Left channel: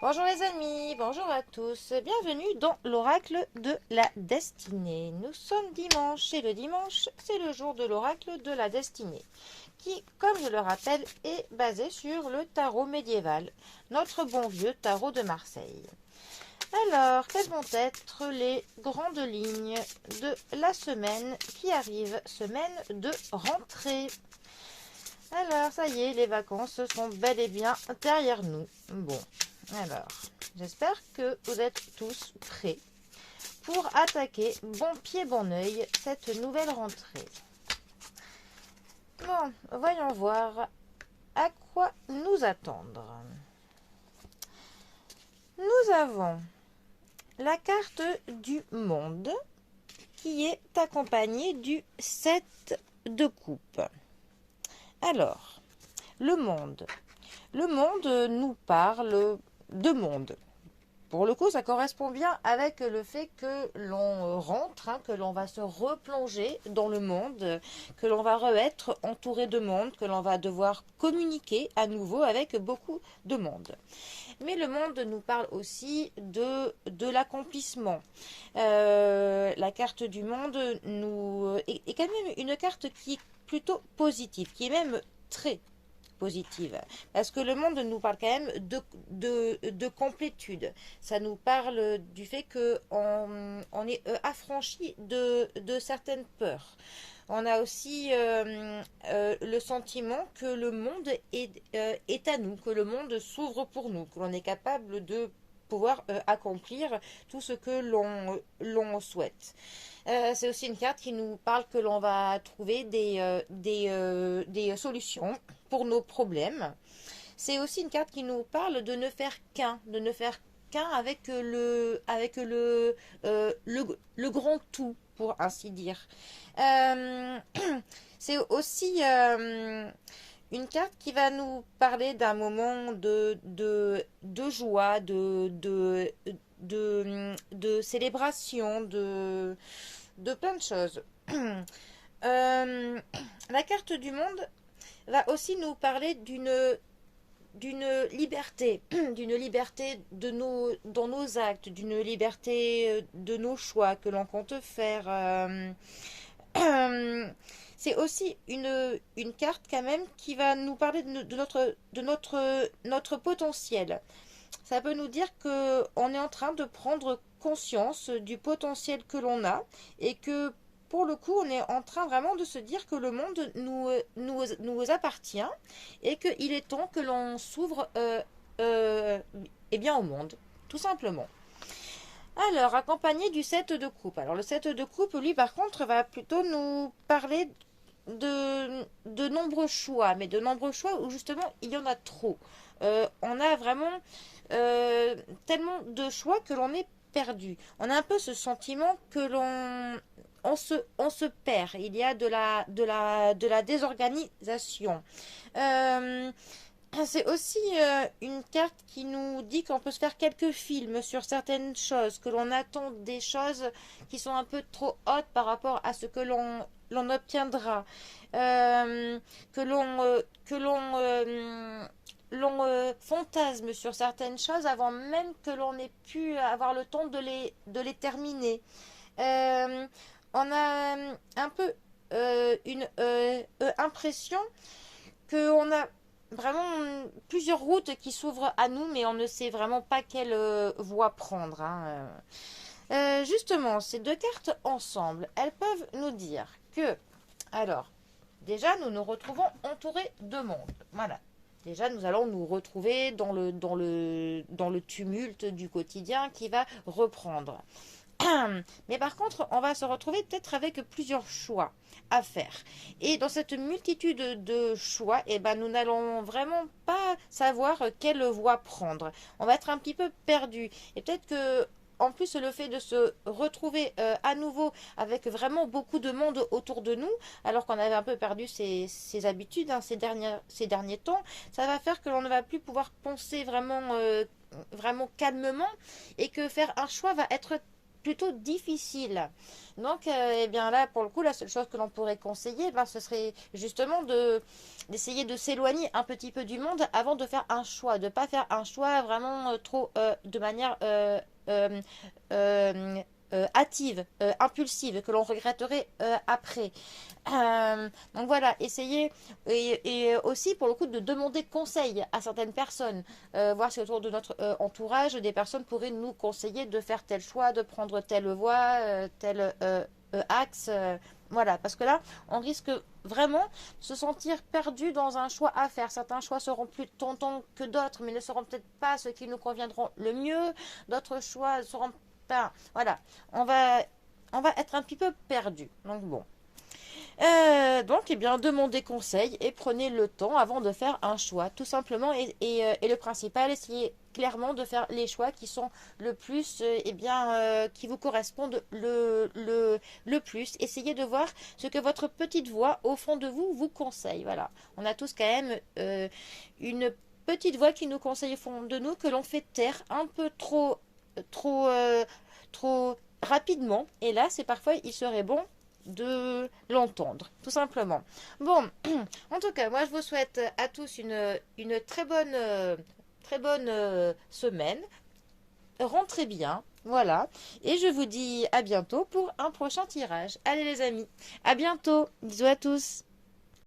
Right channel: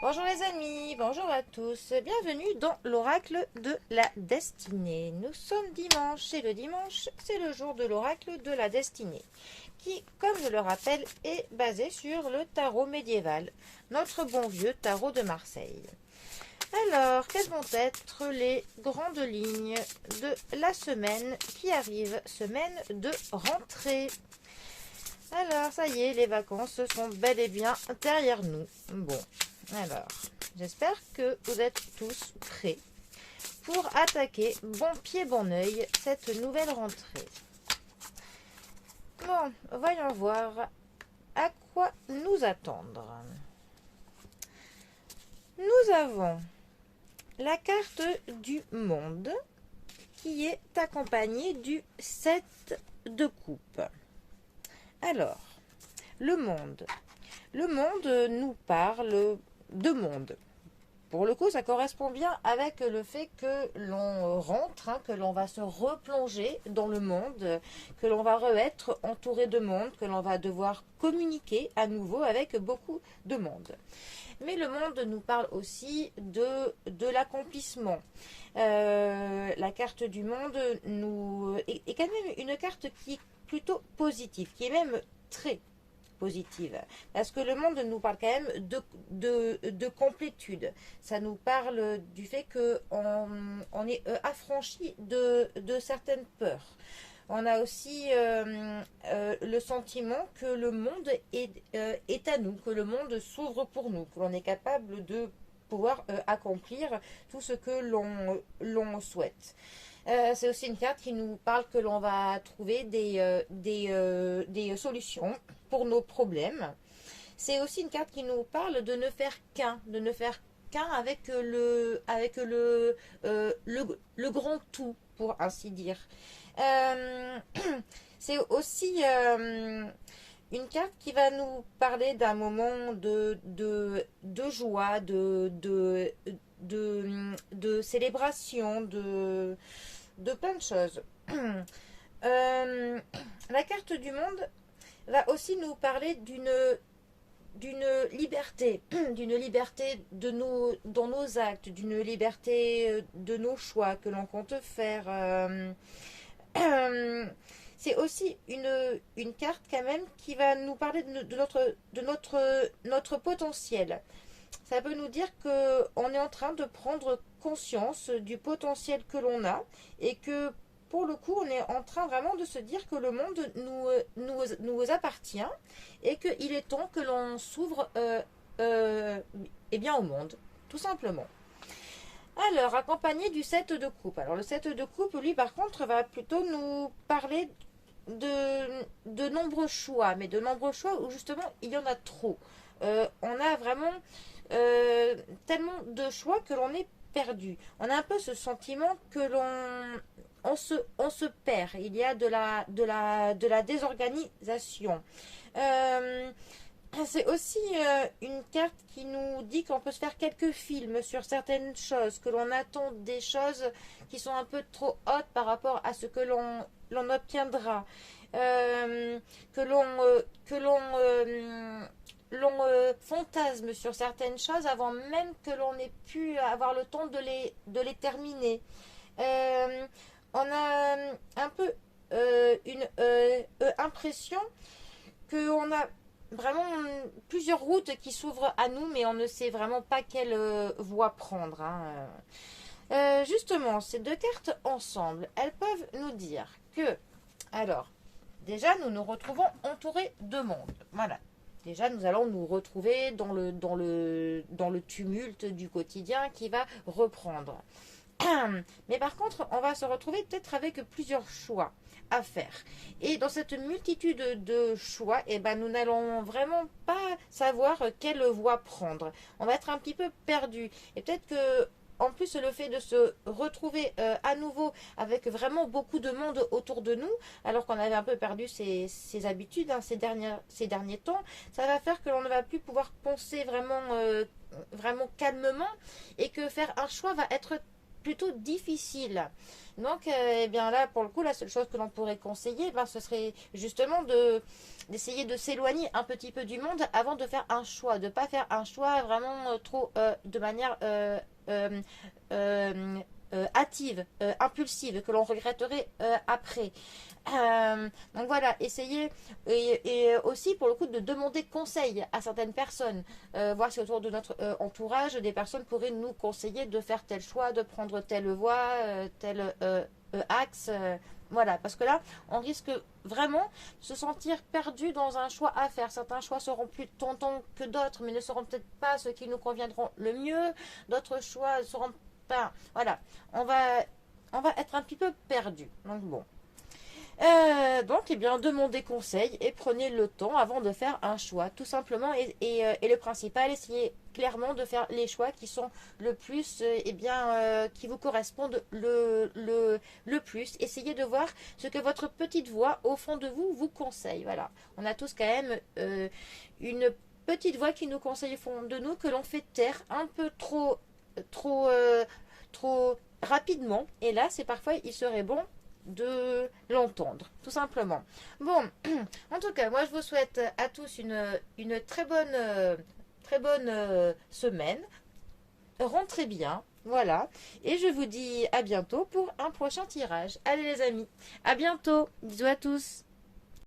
Bonjour les amis, bonjour à tous, bienvenue dans l'oracle de la destinée. Nous sommes dimanche et le dimanche c'est le jour de l'oracle de la destinée qui, comme je le rappelle, est basé sur le tarot médiéval, notre bon vieux tarot de Marseille. Alors, quelles vont être les grandes lignes de la semaine qui arrive, semaine de rentrée? Alors, ça y est, les vacances sont bel et bien derrière nous. Bon, alors, j'espère que vous êtes tous prêts pour attaquer bon pied, bon oeil cette nouvelle rentrée. Bon, voyons voir à quoi nous attendre. Nous avons la carte du monde qui est accompagnée du 7 de coupe. Alors, le monde. Le monde nous parle de monde. Pour le coup, ça correspond bien avec le fait que l'on rentre, que l'on va se replonger dans le monde, que l'on va être entouré de monde, que l'on va devoir communiquer à nouveau avec beaucoup de monde. Mais le monde nous parle aussi de l'accomplissement. La carte du monde est quand même une carte qui est plutôt positive, qui est même très positive. Parce que le monde nous parle quand même de complétude. Ça nous parle du fait qu'on est affranchi de certaines peurs. On a aussi le sentiment que le monde est à nous, que le monde s'ouvre pour nous, que l'on est capable de pouvoir accomplir tout ce que l'on souhaite. C'est aussi une carte qui nous parle que l'on va trouver des solutions pour nos problèmes. C'est aussi une carte qui nous parle de ne faire qu'un avec le grand tout, pour ainsi dire. Euh, c'est aussi une carte qui va nous parler d'un moment de joie, de célébration, de plein de choses. Euh, la carte du monde va aussi nous parler d'une liberté, d'une liberté dans nos actes, d'une liberté de nos choix que l'on compte faire. C'est aussi une carte quand même qui va nous parler notre potentiel. Ça peut nous dire qu'on est en train de prendre conscience du potentiel que l'on a et que pour le coup, on est en train vraiment de se dire que le monde nous appartient et qu'il est temps que l'on s'ouvre eh bien, au monde, tout simplement. Alors, accompagné du 7 de coupe. Alors, le 7 de coupe, lui, par contre, va plutôt nous parler de nombreux choix, mais de nombreux choix où justement il y en a trop. On a vraiment tellement de choix que l'on est perdu. On a un peu ce sentiment que on se perd. Il y a de la désorganisation. Euh, c'est aussi une carte qui nous dit qu'on peut se faire quelques films sur certaines choses, que l'on attend des choses qui sont un peu trop hautes par rapport à ce que l'on obtiendra, que l'on fantasme sur certaines choses avant même que l'on ait pu avoir le temps de les terminer. Euh, on a un peu une impression qu'on a vraiment plusieurs routes qui s'ouvrent à nous, mais on ne sait vraiment pas quelle voie prendre. Hein. Justement, ces deux cartes ensemble, elles peuvent nous dire que, alors, déjà, nous nous retrouvons entourés de monde. Voilà. Déjà, nous allons nous retrouver dans le tumulte du quotidien qui va reprendre. Mais par contre, on va se retrouver peut-être avec plusieurs choix à faire. Et dans cette multitude de choix, eh ben, nous n'allons vraiment pas savoir quelle voie prendre. On va être un petit peu perdu. Et peut-être que en plus, le fait de se retrouver à nouveau avec vraiment beaucoup de monde autour de nous, alors qu'on avait un peu perdu ses habitudes ces derniers temps, ça va faire que l'on ne va plus pouvoir penser vraiment calmement et que faire un choix va être plutôt difficile. Donc, eh bien là, pour le coup, la seule chose que l'on pourrait conseiller, ben, ce serait justement d'essayer de s'éloigner un petit peu du monde avant de faire un choix, de ne pas faire un choix vraiment trop de manière euh, euh, hâtive, impulsive, que l'on regretterait après. Donc voilà, essayez et aussi pour le coup de demander conseil à certaines personnes, voir si autour de notre entourage des personnes pourraient nous conseiller de faire tel choix, de prendre telle voie, tel axe. Voilà, parce que là, on risque vraiment de se sentir perdu dans un choix à faire. Certains choix seront plus tentants que d'autres, mais ne seront peut-être pas ceux qui nous conviendront le mieux. D'autres choix seront pas. Voilà, on va, on va être un petit peu perdu. Donc bon. Donc, eh bien, demandez conseil et prenez le temps avant de faire un choix, tout simplement. Et le principal, essayez clairement de faire les choix qui sont le plus, eh bien, qui vous correspondent le plus. Essayez de voir ce que votre petite voix, au fond de vous, vous conseille. Voilà. On a tous quand même une petite voix qui nous conseille au fond de nous, que l'on fait taire un peu trop, trop rapidement. Et là, c'est parfois, il serait bon de l'entendre, tout simplement. Bon, en tout cas, moi je vous souhaite à tous une très bonne semaine. Rentrez bien, voilà. Et je vous dis à bientôt pour un prochain tirage. Allez les amis, à bientôt. Bisous à tous.